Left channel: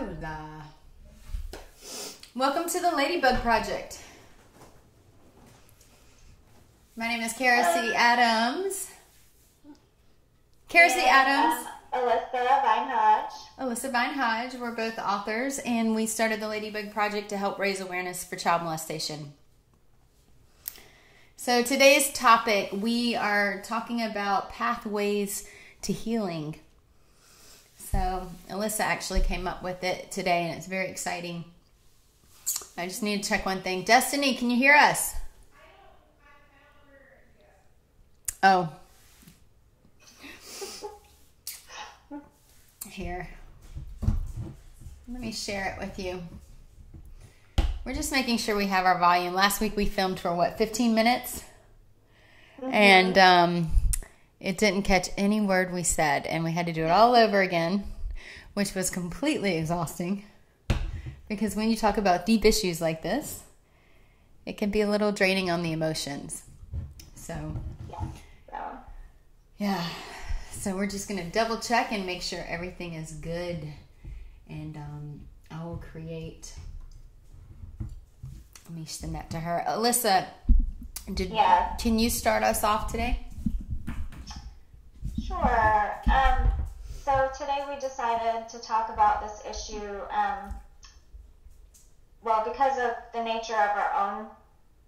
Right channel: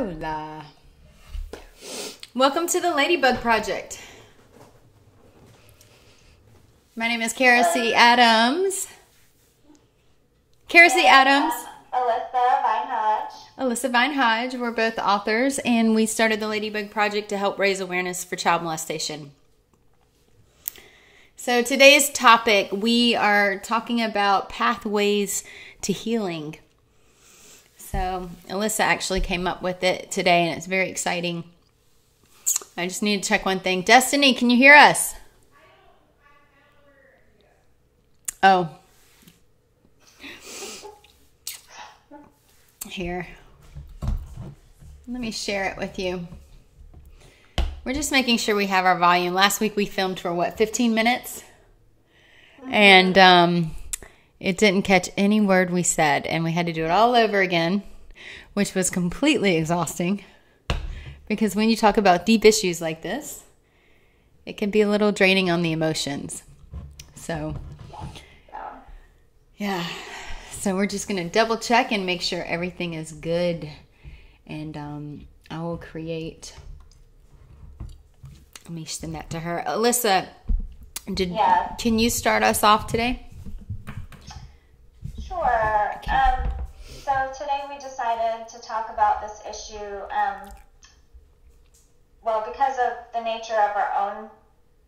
Hola. Welcome to the Ladybug Project. My name is Kara C. Adams. Kara C. Adams. Alyssa Vine Hodge. We're both authors, and we started the Ladybug Project to help raise awareness for child molestation. So today's topic, we are talking about pathways to healing. So Alyssa actually came up with it today, and it's very exciting. I just need to check one thing. Destiny, can you hear us? Oh. Here. Let me share it with you. We're just making sure we have our volume. Last week we filmed for, 15 minutes? And it didn't catch any word we said, and we had to do it all over again, which was completely exhausting. Because when you talk about deep issues like this, it can be a little draining on the emotions. So, yeah. So we're just going to double check and make sure everything is good. And I will create... Let me send that to her. Alyssa, can you start us off today? Sure. So today we decided to talk about this issue, because of the nature of our own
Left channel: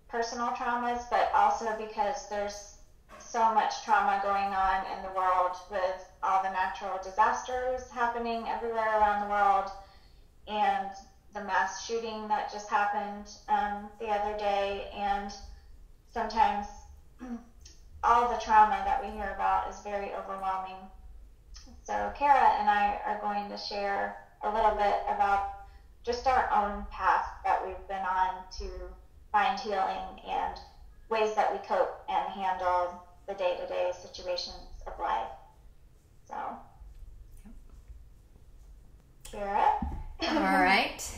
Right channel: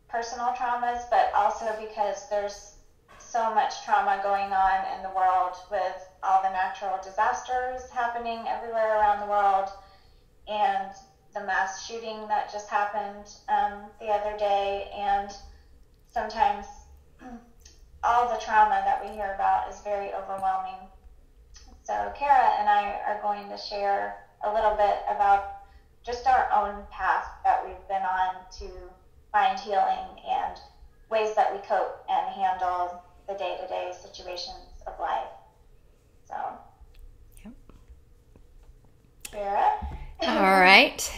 personal traumas, but also because there's so much trauma going on in the world with all the natural disasters happening everywhere around the world, and the mass shooting that just happened the other day, and sometimes all the trauma that we hear about is very overwhelming. So Kara and I are going to share a little bit about just our own path that we've been on to find healing and ways that we cope and handle the day-to-day situations of life. So, Kara? All right.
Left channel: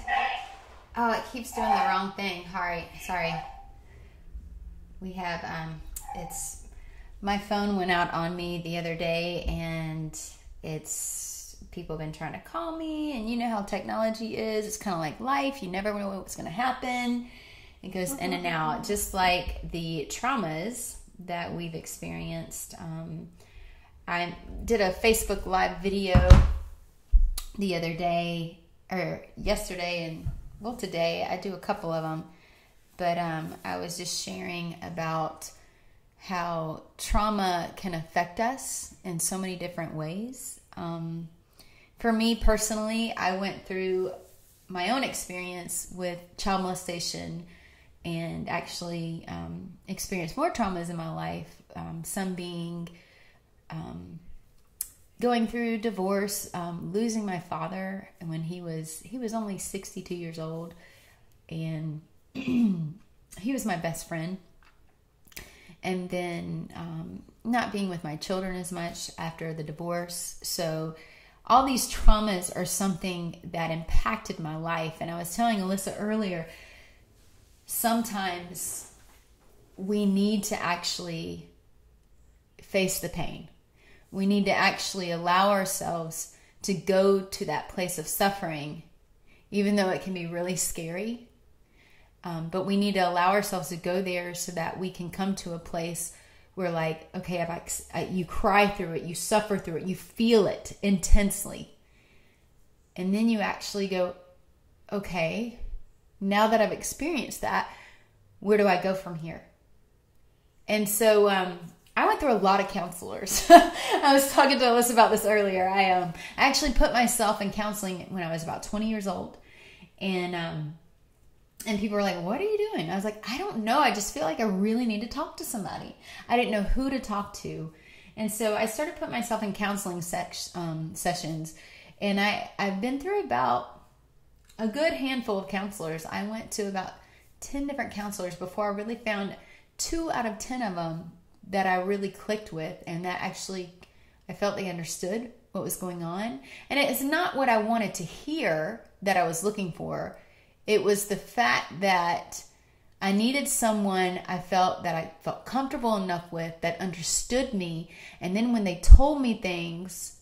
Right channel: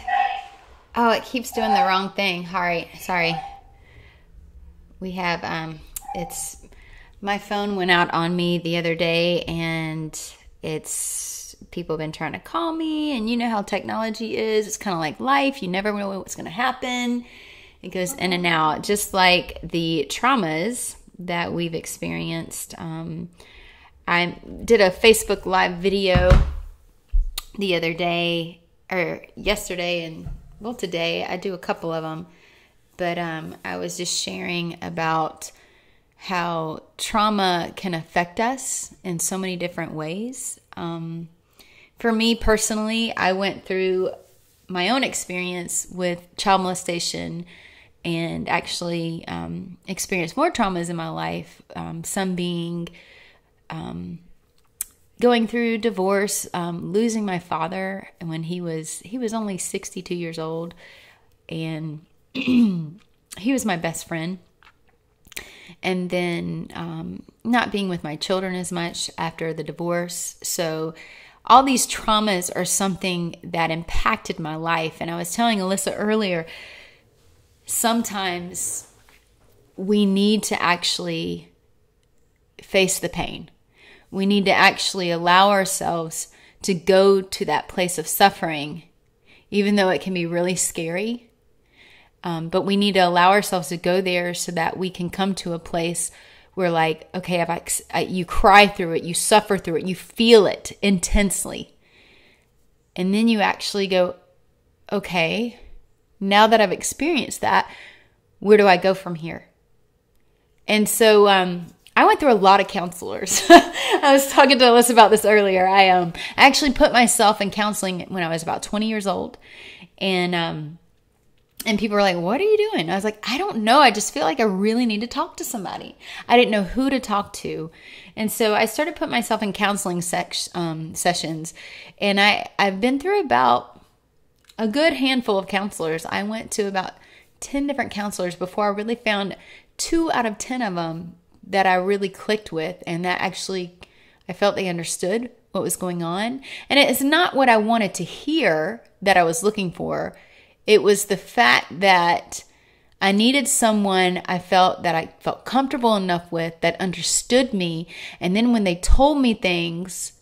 Oh, it keeps doing the wrong thing. Sorry. We have, my phone went out on me the other day, and people have been trying to call me, and you know how technology is. It's kind of like life. You never know what's going to happen. It goes in and out, just like the traumas that we've experienced. I did a Facebook Live video the other day, or yesterday, and today. I do a couple of them, but I was just sharing about how trauma can affect us in so many different ways. For me personally, I went through my own experience with child molestation and actually experienced more traumas in my life, some being going through divorce, losing my father when he was only 62 years old, and he was my best friend. And then not being with my children as much after the divorce. So all these traumas are something that impacted my life. And I was telling Alyssa earlier, sometimes we need to actually face the pain. We need to actually allow ourselves to go to that place of suffering, even though it can be really scary. But we need to allow ourselves to go there so that we can come to a place where, like, okay, you cry through it, you suffer through it, you feel it intensely. And then you actually go, okay, now that I've experienced that, where do I go from here? And so I went through a lot of counselors. I was talking to Alyssa about this earlier. I actually put myself in counseling when I was about 20 years old. And people were like, what are you doing? I was like, I don't know. I just feel like I really need to talk to somebody. I didn't know who to talk to. And so I started putting myself in counseling sessions. And I've been through about a good handful of counselors. I went to about 10 different counselors before I really found 2 out of 10 of them that I really clicked with. And that actually, I felt they understood what was going on. And it's not what I wanted to hear that I was looking for. It was the fact that I needed someone I felt comfortable enough with, that understood me. And then when they told me things,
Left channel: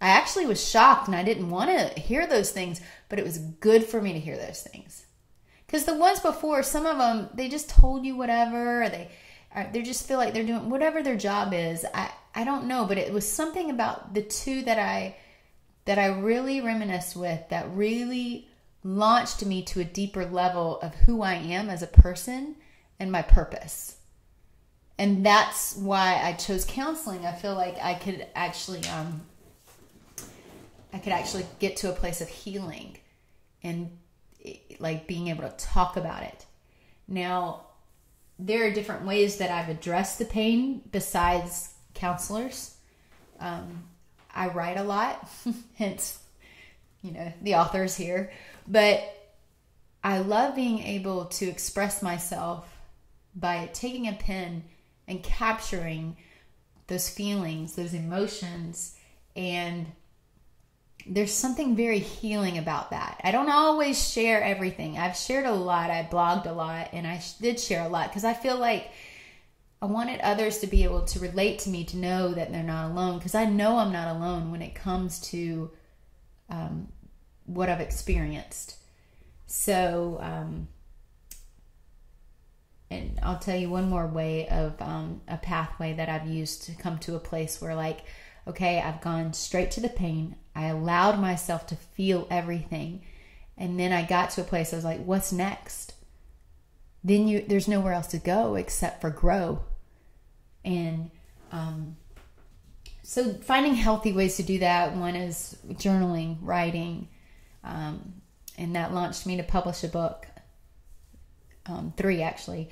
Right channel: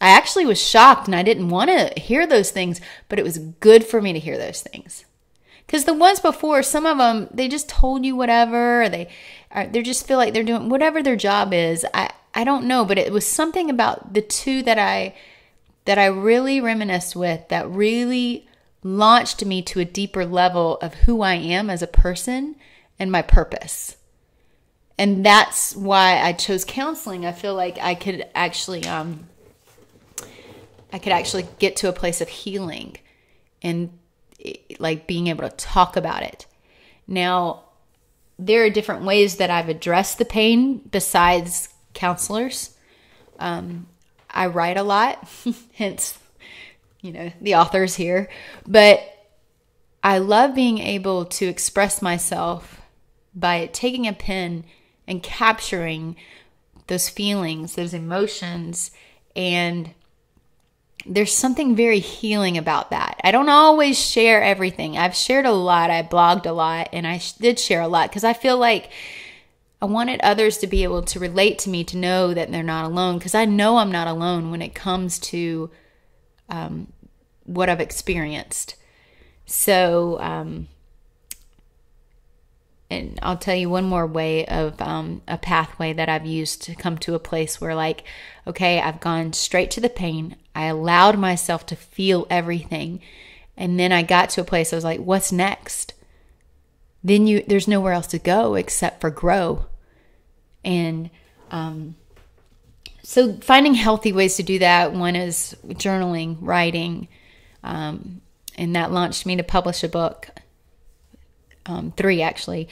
I actually was shocked and I didn't want to hear those things, but it was good for me to hear those things. Because the ones before, some of them, they just told you whatever, or they just feel like they're doing whatever their job is. I don't know, but it was something about the two that I really reminisced with, that really launched me to a deeper level of who I am as a person and my purpose. And that's why I chose counseling. I feel like I could actually get to a place of healing and like being able to talk about it. Now, there are different ways that I've addressed the pain besides counselors. I write a lot, hence, the author's here. But I love being able to express myself by taking a pen and capturing those feelings, those emotions, and there's something very healing about that. I don't always share everything. I've shared a lot. I blogged a lot, and I did share a lot because I feel like I wanted others to be able to relate to me, to know that they're not alone, because I know I'm not alone when it comes to what I've experienced. So, and I'll tell you one more way of a pathway that I've used to come to a place where, like, okay, I've gone straight to the pain. I allowed myself to feel everything. And then I got to a place I was like, what's next? Then there's nowhere else to go except for grow. And so finding healthy ways to do that. One is journaling, writing. And that launched me to publish a book. 3 actually.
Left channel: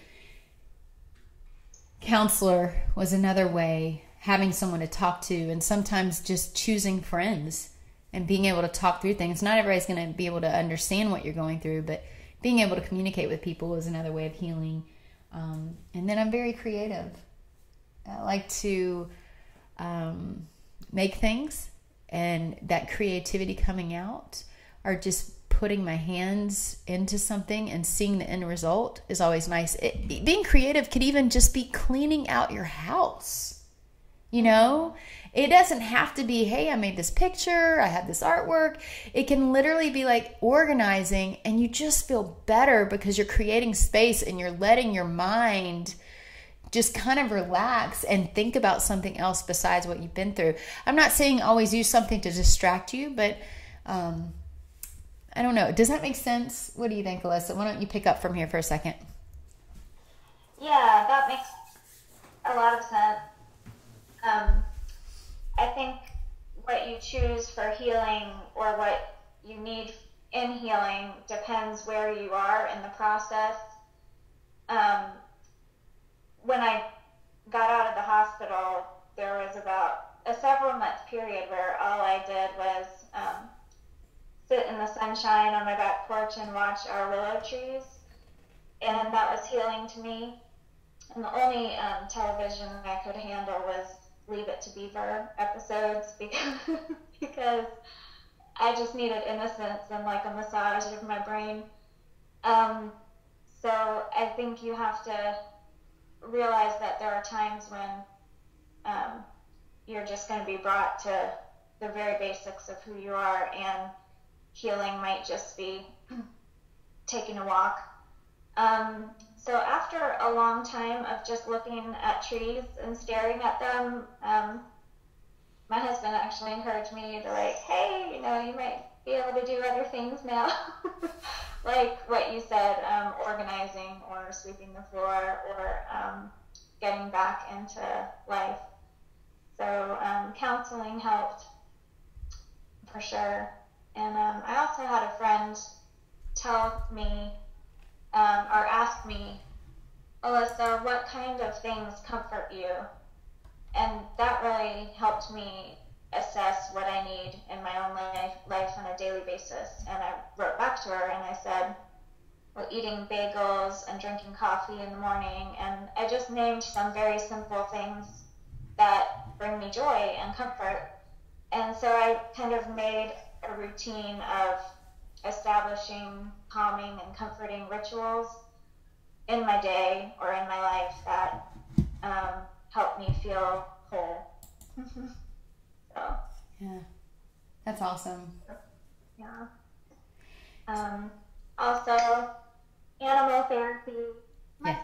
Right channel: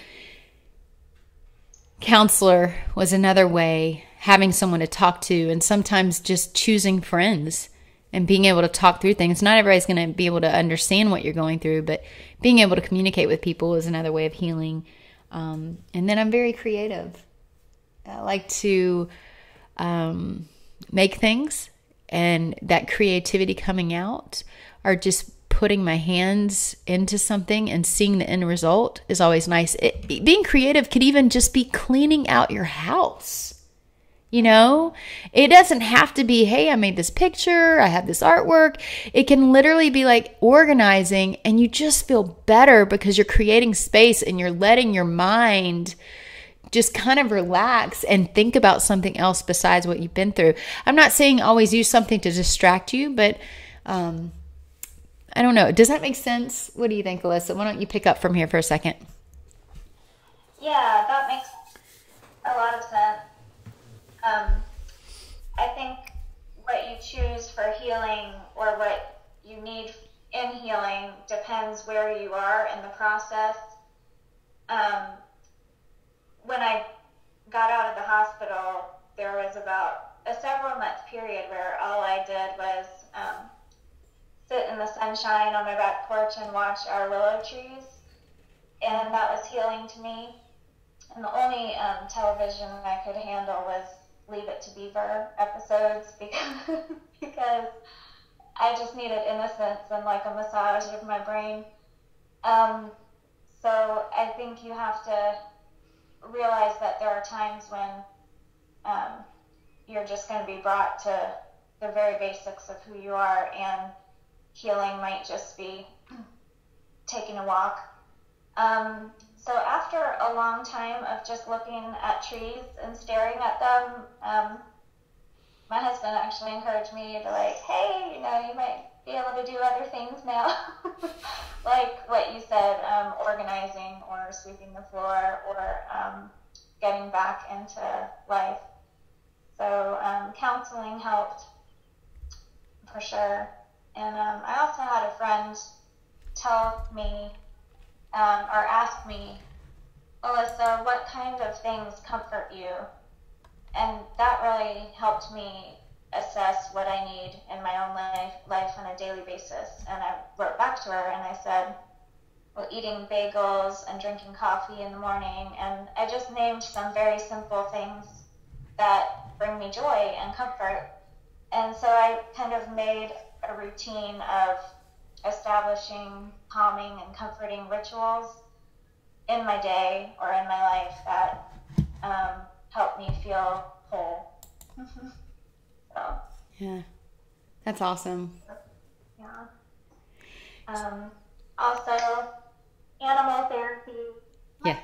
Counselor was another way, having someone to talk to, and sometimes just choosing friends and being able to talk through things. Not everybody's going to be able to understand what you're going through, but being able to communicate with people is another way of healing. And then I'm very creative. I like to make things, and that creativity coming out, or just putting my hands into something and seeing the end result is always nice. Being creative could even just be cleaning out your house. It doesn't have to be, hey, I made this picture, I have this artwork. It can literally be like organizing, and you just feel better because you're creating space and you're letting your mind just kind of relax and think about something else besides what you've been through. I'm not saying always use something to distract you, but I don't know. Does that make sense? What do you think, Alyssa? Why don't you pick up from here for a second? Yeah, that makes a lot of sense. I think what you choose for healing, or what you need in healing, depends where you are in the process. When I got out of the hospital, there was about a several-month period where all I did was sit in the sunshine on my back porch and watch our willow trees, and that was healing to me. And the only television I could handle was Leave It to Beaver episodes because I just needed innocence and like a massage of my brain. So I think you have to realize that there are times when you're just going to be brought to the very basics of who you are, and healing might just be taking a walk. So after a long time of just looking at trees and staring at them, my husband actually encouraged me to, like, hey, you might be able to do other things now. Like what you said, organizing or sweeping the floor, or getting back into life. So counseling helped for sure. And I also had a friend tell me, or ask me, Alyssa, what kind of things comfort you? And that really helped me assess what I need in my own life on a daily basis. And I wrote back to her and I said, well, eating bagels and drinking coffee in the morning. And I just named some very simple things that bring me joy and comfort. And so I kind of made a routine of establishing calming and comforting rituals in my day or in my life that help me feel whole. So. Yeah. That's awesome. Yeah. Also, animal therapy. Yeah.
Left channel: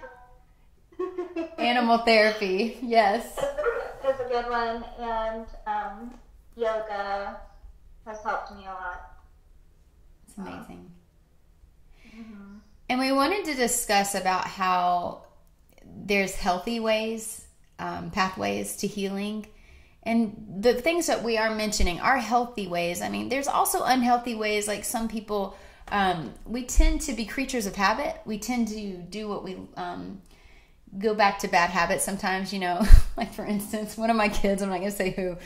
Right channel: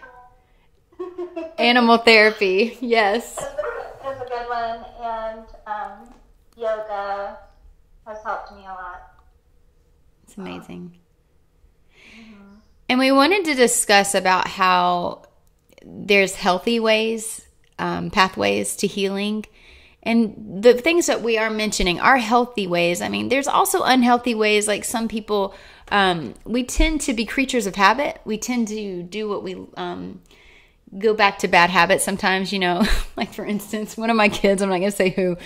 Animal therapy, yes. Is a good one, and yoga has helped me a lot. It's amazing. And we wanted to discuss about how there's healthy ways, pathways to healing. And the things that we are mentioning are healthy ways. I mean, there's also unhealthy ways. Like some people, we tend to be creatures of habit. We tend to do what we go back to bad habits sometimes, like for instance, one of my kids, I'm not going to say who,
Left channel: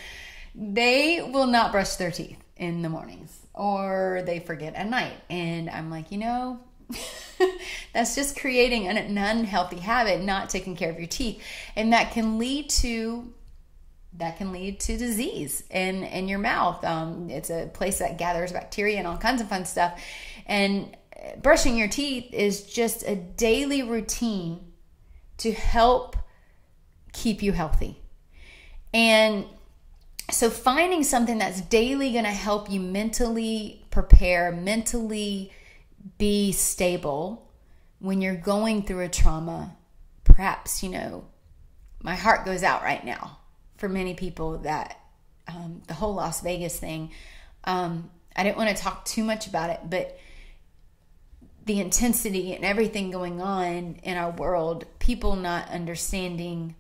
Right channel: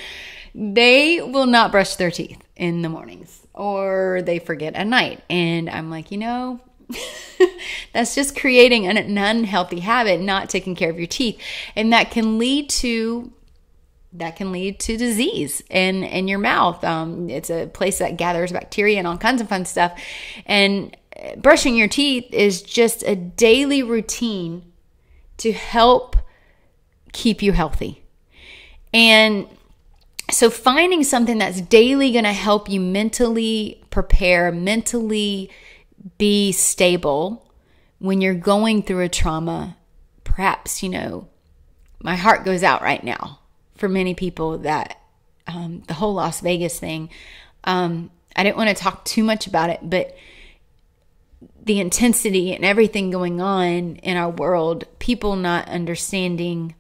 they will not brush their teeth in the mornings or they forget at night. And I'm like, that's just creating an unhealthy habit, not taking care of your teeth. And that can lead to disease in your mouth. It's a place that gathers bacteria and all kinds of fun stuff. And brushing your teeth is just a daily routine to help keep you healthy. And so finding something that's daily going to help you mentally prepare, mentally be stable when you're going through a trauma. Perhaps, my heart goes out right now for many people that the whole Las Vegas thing, I didn't want to talk too much about it, but the intensity and everything going on in our world, people not understanding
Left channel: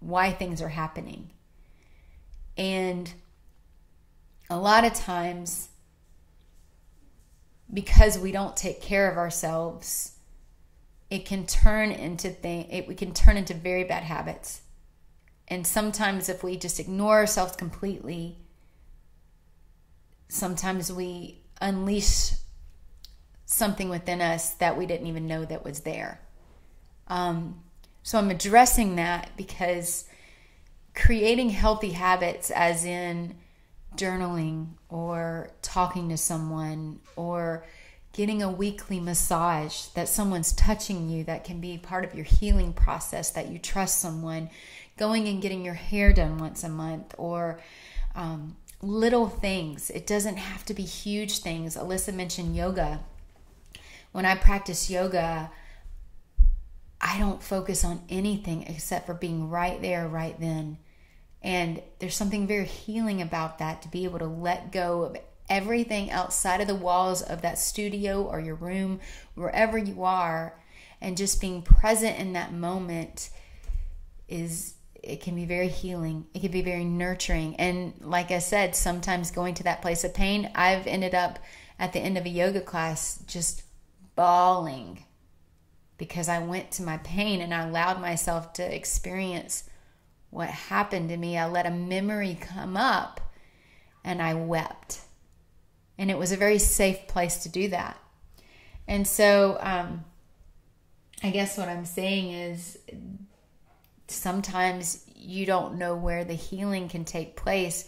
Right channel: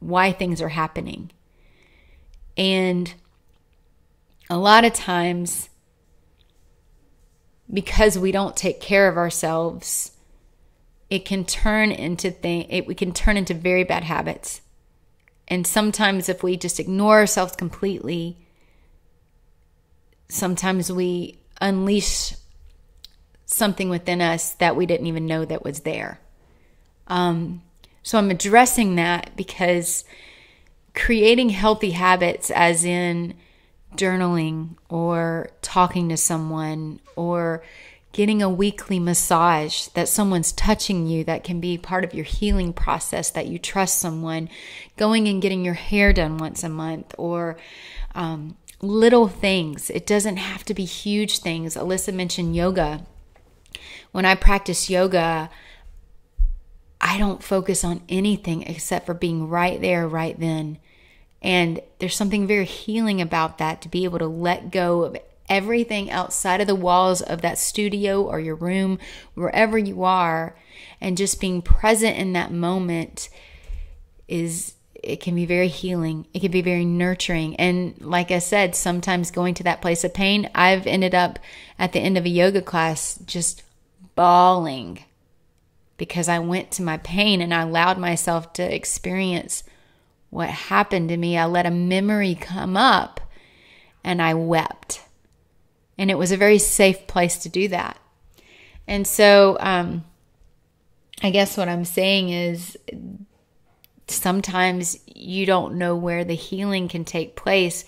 why things are happening. And a lot of times, because we don't take care of ourselves, we can turn into very bad habits. And sometimes if we just ignore ourselves completely, sometimes we unleash something within us that we didn't even know that was there. So I'm addressing that because creating healthy habits, as in journaling or talking to someone or getting a weekly massage that someone's touching you, that can be part of your healing process, that you trust someone, going and getting your hair done once a month, or little things. It doesn't have to be huge things. Alyssa mentioned yoga. When I practice yoga, I don't focus on anything except for being right there, right then. And there's something very healing about that, to be able to let go of everything outside of the walls of that studio or your room, wherever you are, and just being present in that moment it can be very healing. It can be very nurturing. And like I said, sometimes going to that place of pain, I've ended up at the end of a yoga class just bawling because I went to my pain and I allowed myself to experience what happened to me. I let a memory come up and I wept. And it was a very safe place to do that. And so I guess what I'm saying is sometimes you don't know where the healing can take place,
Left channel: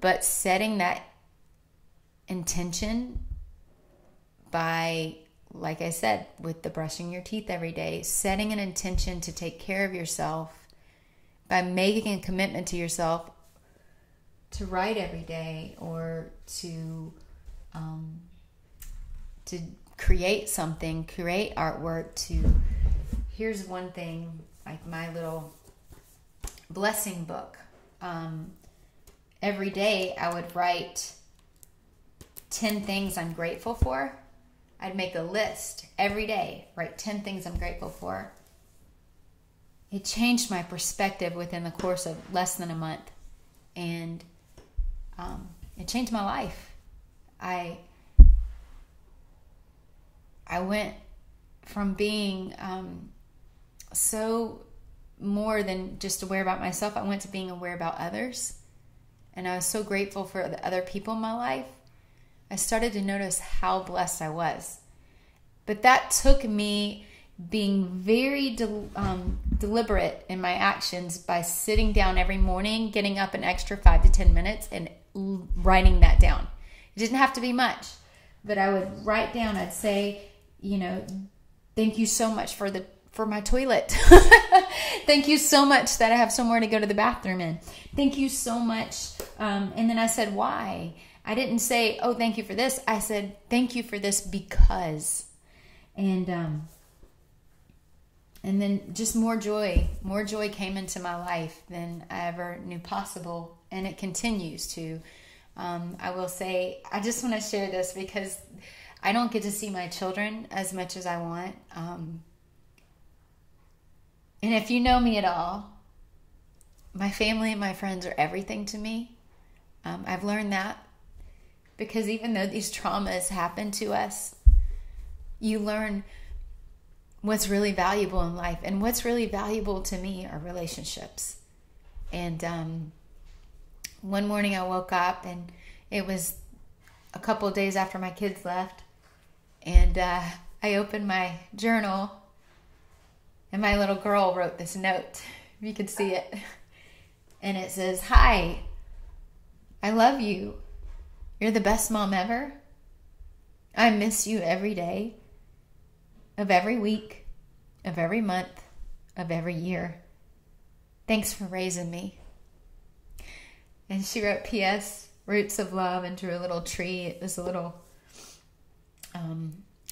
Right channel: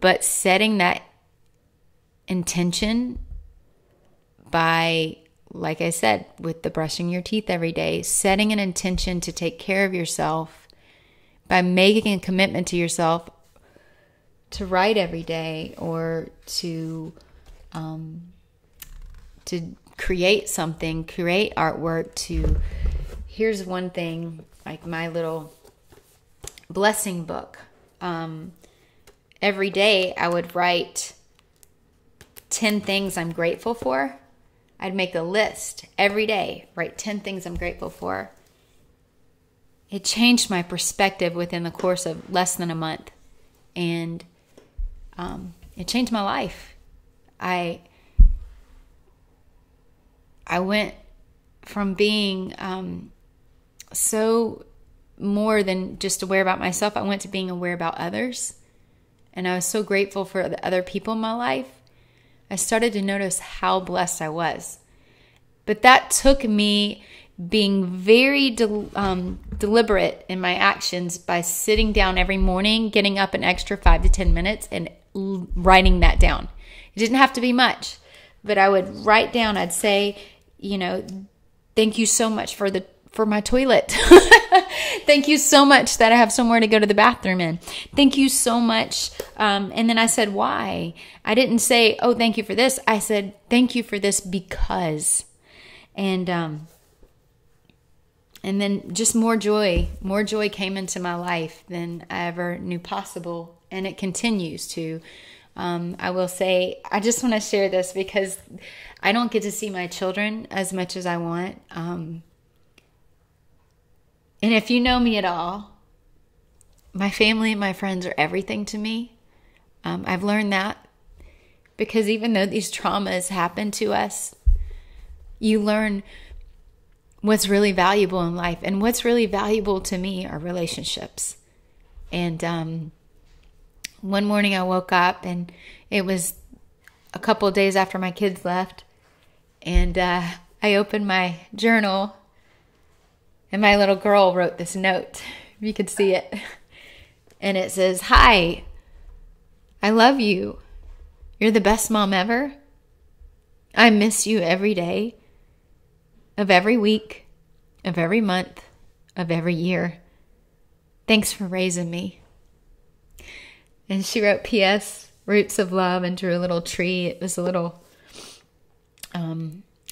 but setting that intention by, like I said, with the brushing your teeth every day, setting an intention to take care of yourself by making a commitment to yourself to write every day, or to create something, create artwork. Here's one thing, like my little blessing book. Every day I would write 10 things I'm grateful for. I'd make a list every day, write 10 things I'm grateful for. It changed my perspective within the course of less than a month. And it changed my life. I went from being so more than just aware about myself. I went to being aware about others. And I was so grateful for the other people in my life. I started to notice how blessed I was. But that took me being very deliberate in my actions by sitting down every morning, getting up an extra 5 to 10 minutes and writing that down. It didn't have to be much, but I would write down, I'd say, thank you so much for for my toilet. Thank you so much that I have somewhere to go to the bathroom in. Thank you so much. And then I said, why? I didn't say, oh, thank you for this. I said, thank you for this because. And then just more joy came into my life than I ever knew possible. And it continues to. I will say, I just want to share this because I don't get to see my children as much as I want. And if you know me at all, my family and my friends are everything to me. I've learned that because even though these traumas happen to us, you learn what's really valuable in life. And what's really valuable to me are relationships. And one morning I woke up and it was a couple of days after my kids left. And I opened my journal and my little girl wrote this note. You could see it. And it says, "Hi, I love you. You're the best mom ever. I miss you every day of every week, of every month, of every year. Thanks for raising me." And she wrote P.S. Roots of Love and drew a little tree. It was a little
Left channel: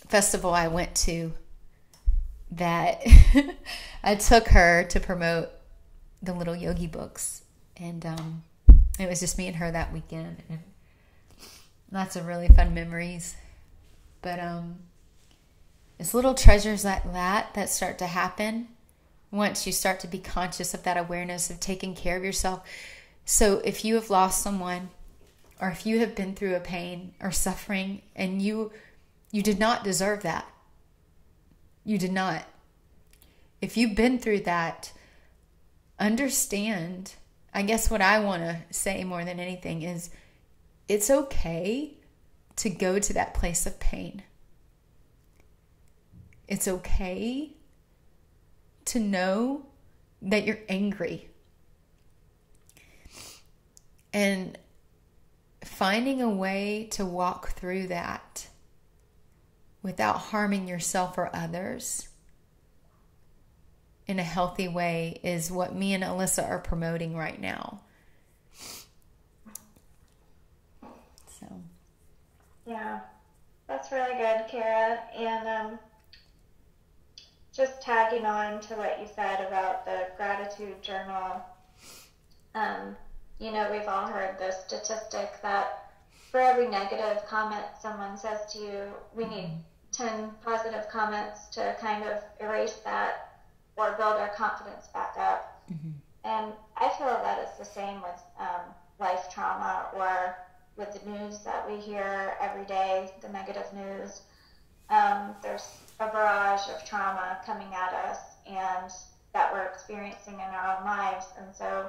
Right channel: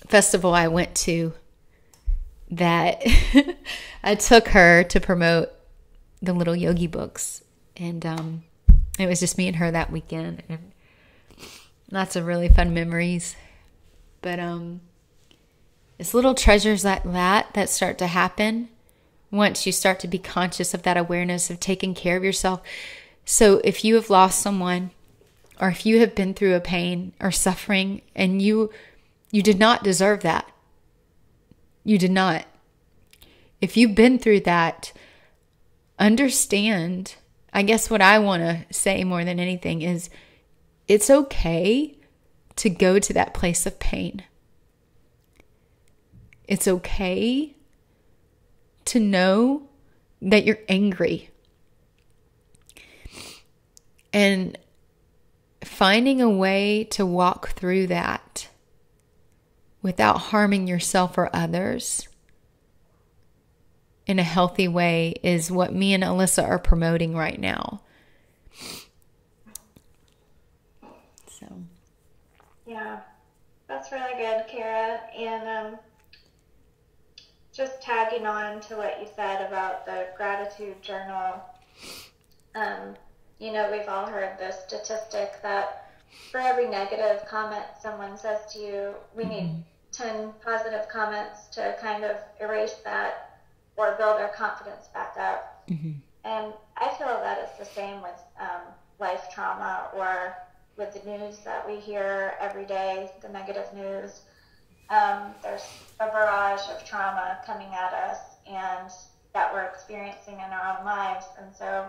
festival I went to that I took her to promote the little yogi books. And it was just me and her that weekend. And lots of really fun memories. But it's little treasures like that start to happen once you start to be conscious of that awareness of taking care of yourself. So if you have lost someone, or if you have been through a pain or suffering, and you did not deserve that. You did not. If you've been through that, understand, I guess what I want to say more than anything is, it's okay to go to that place of pain. It's okay to know that you're angry. And finding a way to walk through that without harming yourself or others in a healthy way is what me and Alyssa are promoting right now. So, yeah, that's really good, Kara. And just tagging on to what you said about the gratitude journal. We've all heard the statistic that for every negative comment someone says to you, we need 10 positive comments to kind of erase that or build our confidence back up. Mm-hmm. And I feel that it's the same with life trauma or with the news that we hear every day, the negative news. There's a barrage of trauma coming at us and that we're experiencing in our own lives. And so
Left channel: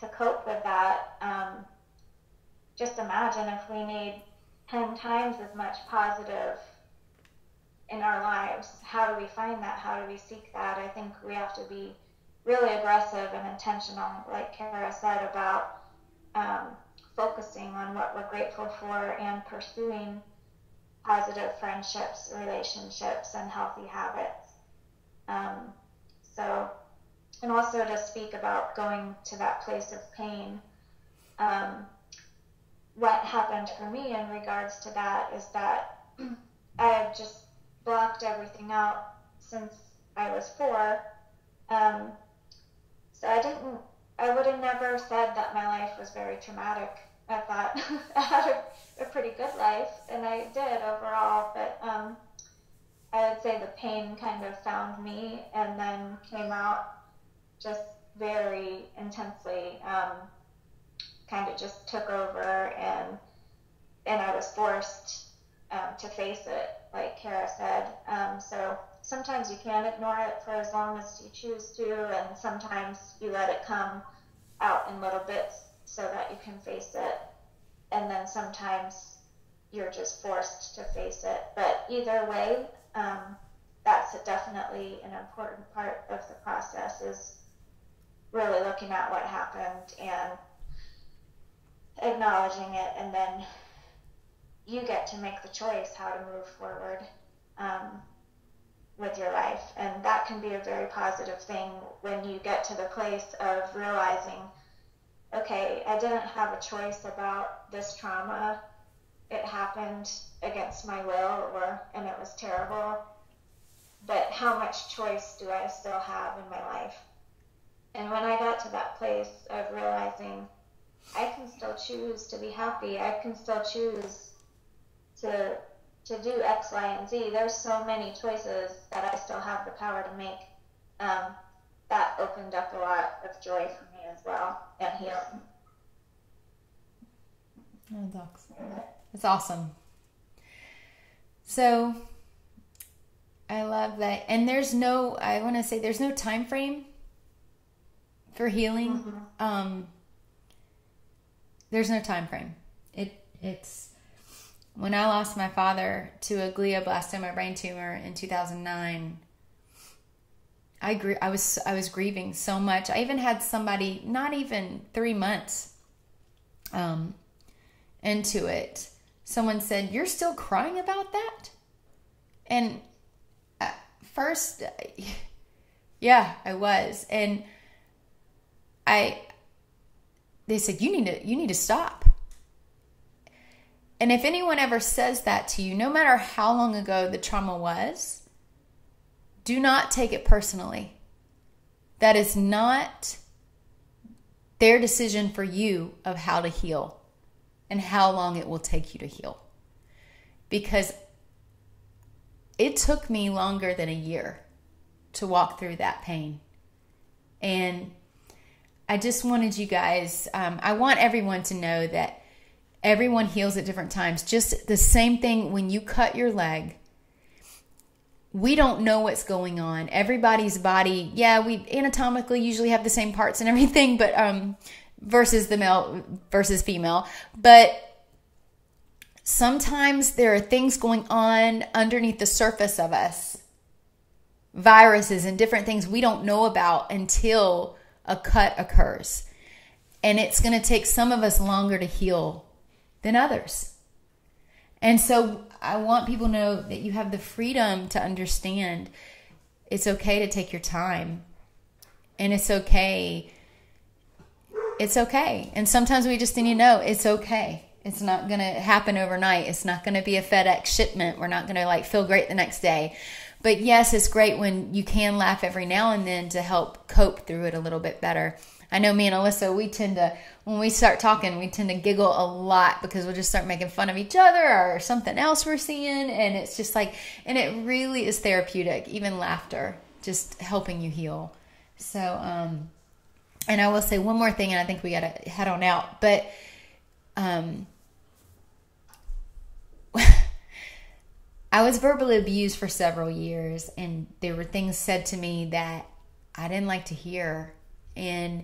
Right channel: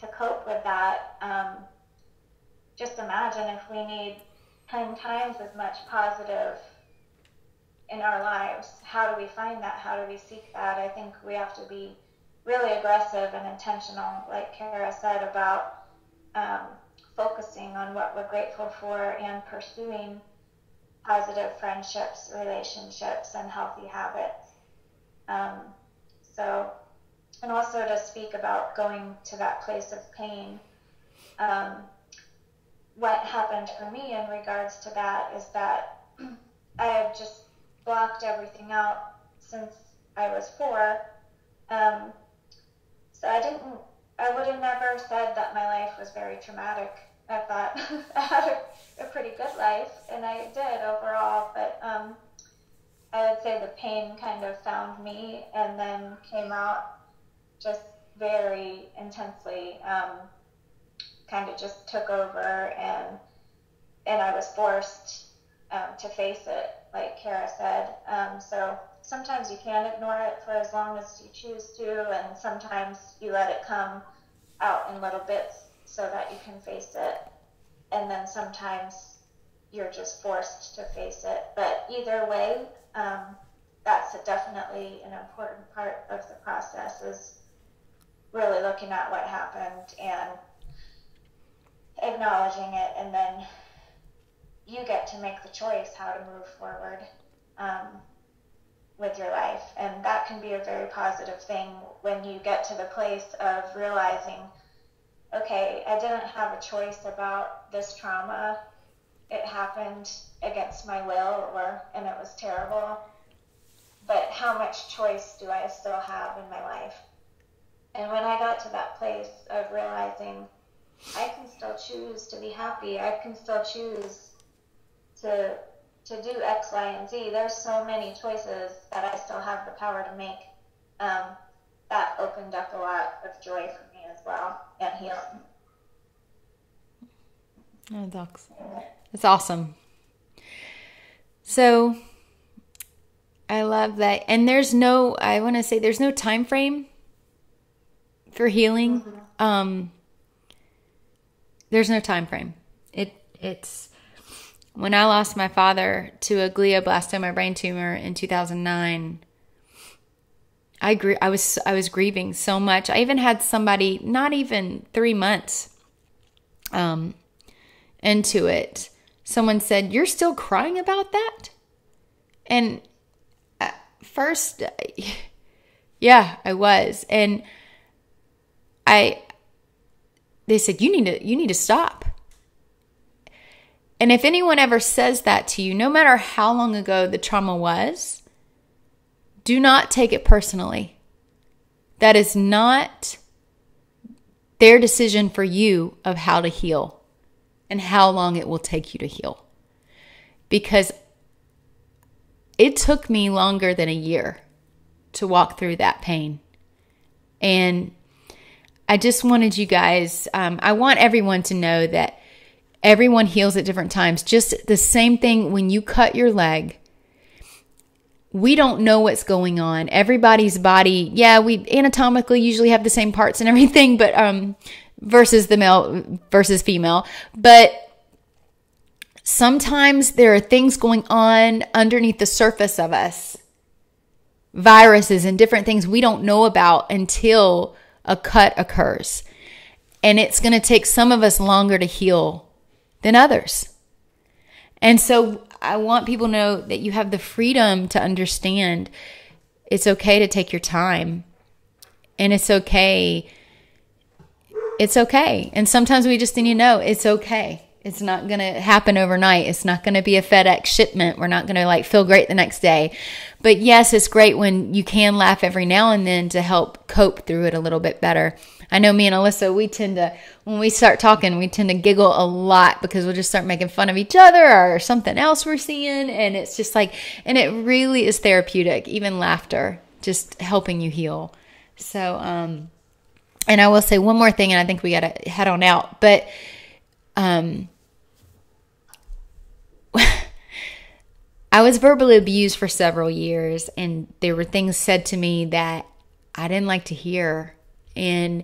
to cope with that, just imagine if we need 10 times as much positive in our lives. How do we find that? How do we seek that? I think we have to be really aggressive and intentional, like Kara said, about focusing on what we're grateful for and pursuing positive friendships, relationships, and healthy habits. And also to speak about going to that place of pain. What happened for me in regards to that is that I have just blocked everything out since I was 4. So I would have never said that my life was very traumatic. I thought I had a pretty good life, and I did overall, but I would say the pain kind of found me and then came out just very intensely, kind of just took over, and I was forced to face it, like Kara said. So sometimes you can ignore it for as long as you choose to, and sometimes you let it come out in little bits so that you can face it, and then sometimes you're just forced to face it. But either way, that's definitely an important part of the process, is really looking at what happened and acknowledging it, and then you get to make the choice how to move forward. with your life. And that can be a very positive thing when you get to the place of realizing, okay, I didn't have a choice about this trauma. It happened against my will, and it was terrible. But how much choice do I still have in my life? And when I got to that place of realizing I can still choose to be happy, I can still choose to do X, Y, and Z. There's so many choices that I still have the power to make. That opened up a lot of joy for me as well, and healing. Oh, that's awesome. So I love that. And there's no time frame for healing. Mm-hmm. There's no time frame. It's when I lost my father to a glioblastoma brain tumor in 2009. I was grieving so much. I even had somebody not even 3 months into it. Someone said, "You're still crying about that?" And at first, yeah, I was. And they said, you need to stop. And if anyone ever says that to you, no matter how long ago the trauma was, do not take it personally. That is not their decision for you of how to heal and how long it will take you to heal. Because it took me longer than a year to walk through that pain. And I just wanted you guys, I want everyone to know that everyone heals at different times. Just the same thing when you cut your leg. We don't know what's going on. Everybody's body, we anatomically usually have the same parts and everything, but versus the male versus female. But sometimes there are things going on underneath the surface of us. Viruses and different things we don't know about until a cut occurs. And it's going to take some of us longer to heal than others. And so I want people to know that you have the freedom to understand it's okay to take your time. And it's okay. It's okay. And sometimes we just need to know it's okay. It's not going to happen overnight. It's not going to be a FedEx shipment. We're not going to feel great the next day. But yes, it's great when you can laugh every now and then to help cope through it a little bit better. I know me and Alyssa, when we start talking, we tend to giggle a lot because we'll just start making fun of each other or something else we're seeing. And it's just and it really is therapeutic, even laughter, just helping you heal. So, and I will say one more thing, and I think we got to head on out. But, I was verbally abused for several years, and there were things said to me that I didn't like to hear. And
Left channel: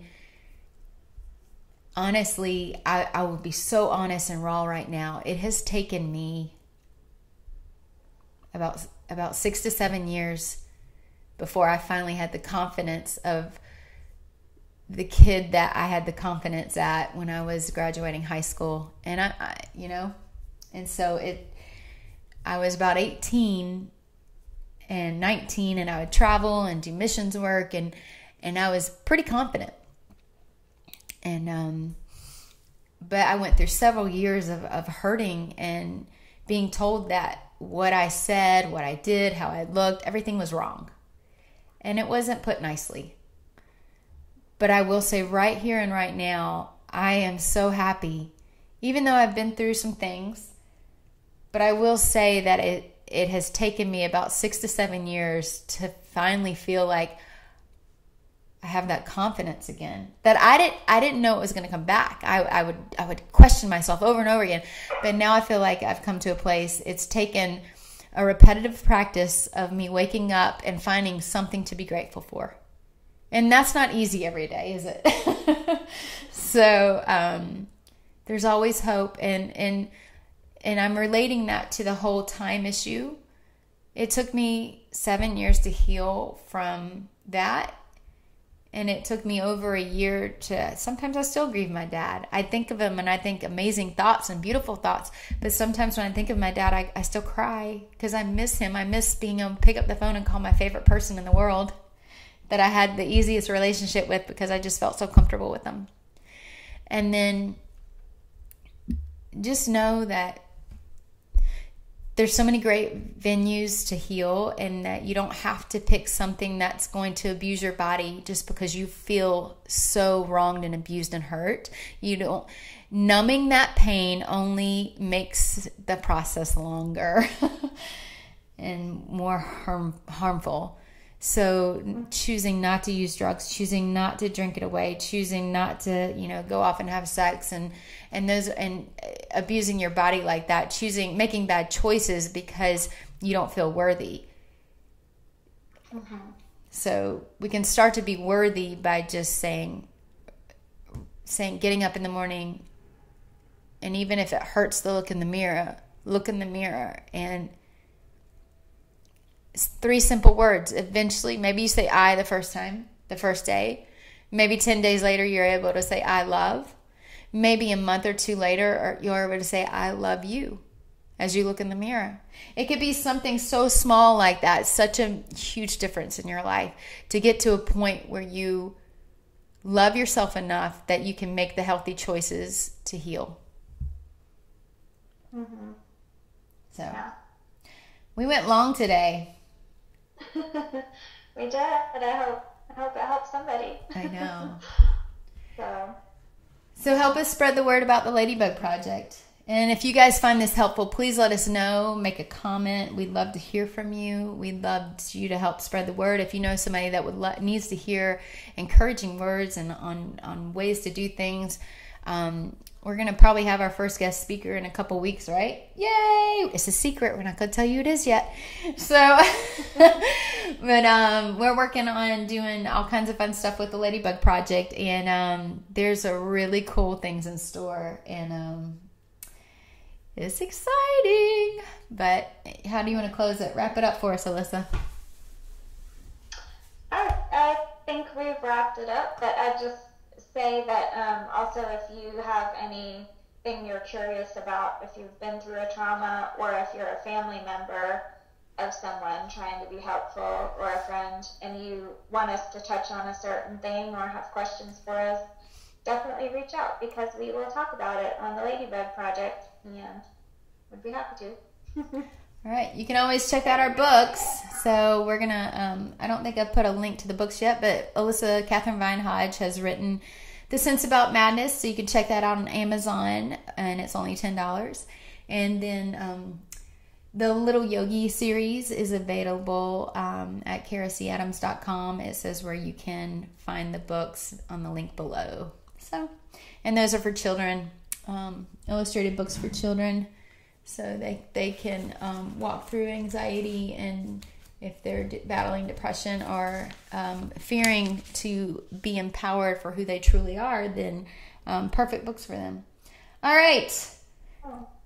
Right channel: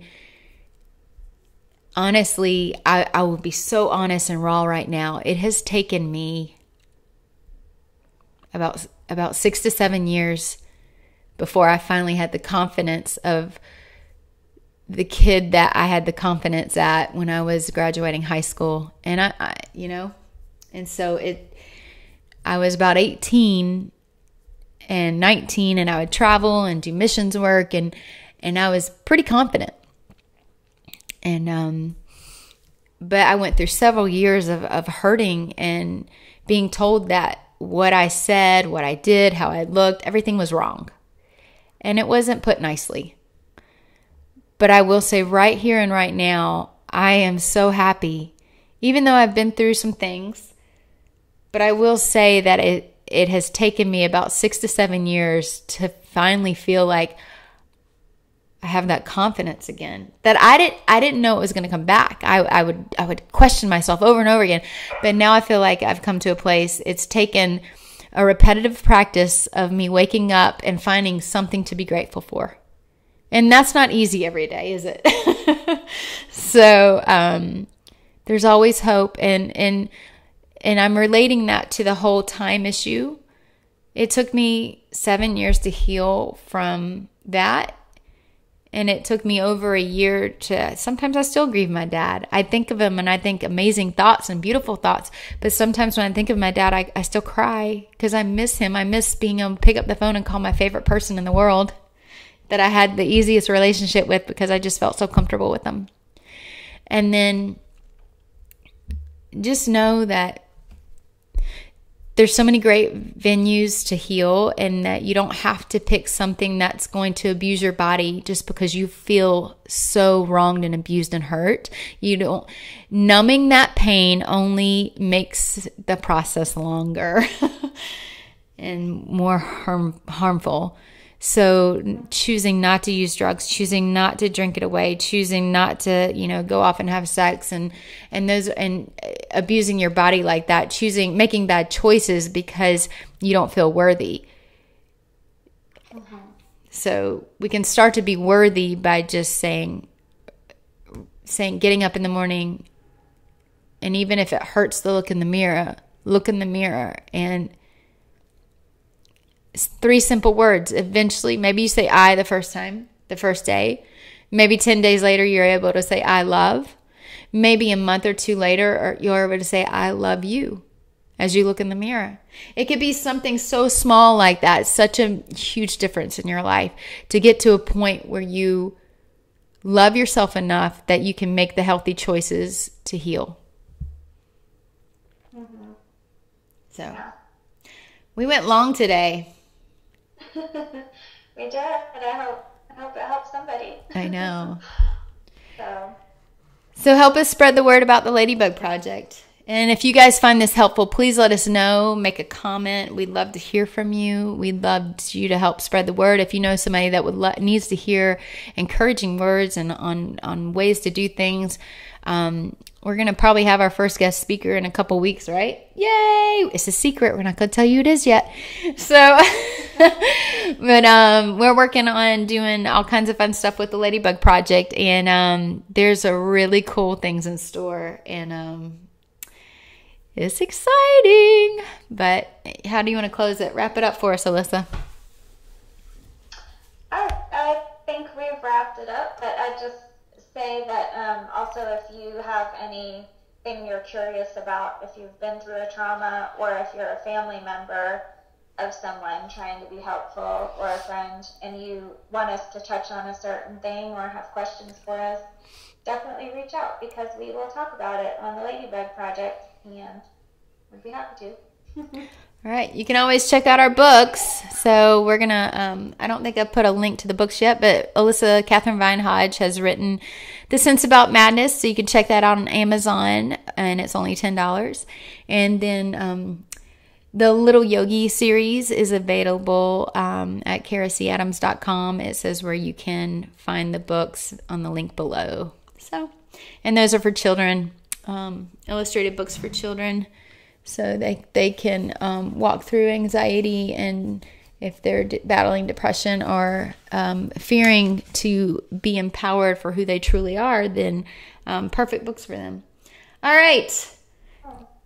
honestly, I will be so honest and raw right now. It has taken me about 6 to 7 years before I finally had the confidence of the kid that I had the confidence at when I was graduating high school. And and so I was about 18 and 19, and I would travel and do missions work, and I was pretty confident. And but I went through several years of hurting and being told that what I said, what I did, how I looked, everything was wrong. And it wasn't put nicely. But I will say right here and right now, I am so happy, even though I've been through some things. But I will say that it has taken me about 6 to 7 years to finally feel like I have that confidence again. That I didn't know it was going to come back. I would question myself over and over again. But now I feel like I've come to a place. It's taken a repetitive practice of me waking up and finding something to be grateful for. And that's not easy every day, is it? So there's always hope. And I'm relating that to the whole time issue. It took me 7 years to heal from that. And it took me over a year to, sometimes I still grieve my dad. I think of him and I think amazing thoughts and beautiful thoughts. But sometimes when I think of my dad, I still cry because I miss him. I miss being able to pick up the phone and call my favorite person in the world that I had the easiest relationship with because I just felt so comfortable with them. And then just know that there's so many great venues to heal, and that you don't have to pick something that's going to abuse your body just because you feel so wronged and abused and hurt. Numbing that pain only makes the process longer and more harmful. So choosing not to use drugs, choosing not to drink it away, choosing not to, go off and have sex and abusing your body like that, making bad choices because you don't feel worthy. Mm-hmm. So we can start to be worthy by just saying, getting up in the morning, and even if it hurts to look in the mirror and 3 simple words. Eventually, maybe you say I the first day. Maybe 10 days later, you're able to say I love. Maybe a month or 2 later, you're able to say I love you as you look in the mirror. It could be something so small like that. Such a huge difference in your life to get to a point where you love yourself enough that you can make the healthy choices to heal. Mm-hmm. So, we went long today. We did, and I hope it helps somebody. I know. So help us spread the word about the Ladybug Project. And if you guys find this helpful, please let us know. Make a comment. We'd love to hear from you. We'd love you to help spread the word. If you know somebody that needs to hear encouraging words and on ways to do things, we're going to probably have our first guest speaker in a couple weeks, right? Yay! It's a secret. We're not going to tell you who it is yet. So, but we're working on doing all kinds of fun stuff with the Ladybug Project. And there's a really cool things in store. And it's exciting. But how do you want to close it? Wrap it up for us, Alyssa. I think we've wrapped it up. But I just say that also if you have anything you're curious about, if you've been through a trauma or if you're a family member of someone trying to be helpful or a friend and you want us to touch on a certain thing or have questions for us, definitely reach out because we will talk about it on the Ladybug Project and we'd be happy to. All right. You can always check out our books. So we're going to, I don't think I've put a link to the books yet, but Alyssa Catherine Vine Hodge has written The Sense About Madness. So you can check that out on Amazon and it's only $10. And then the Little Yogi series is available at karasadams.com. It says where you can find the books on the link below. So, and those are for children, illustrated books for children. So they can walk through anxiety, and if they're battling depression or fearing to be empowered for who they truly are, then perfect books for them. All right.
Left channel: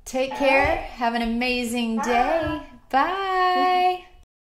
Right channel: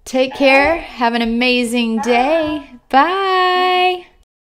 Take care. Have an amazing day. Bye.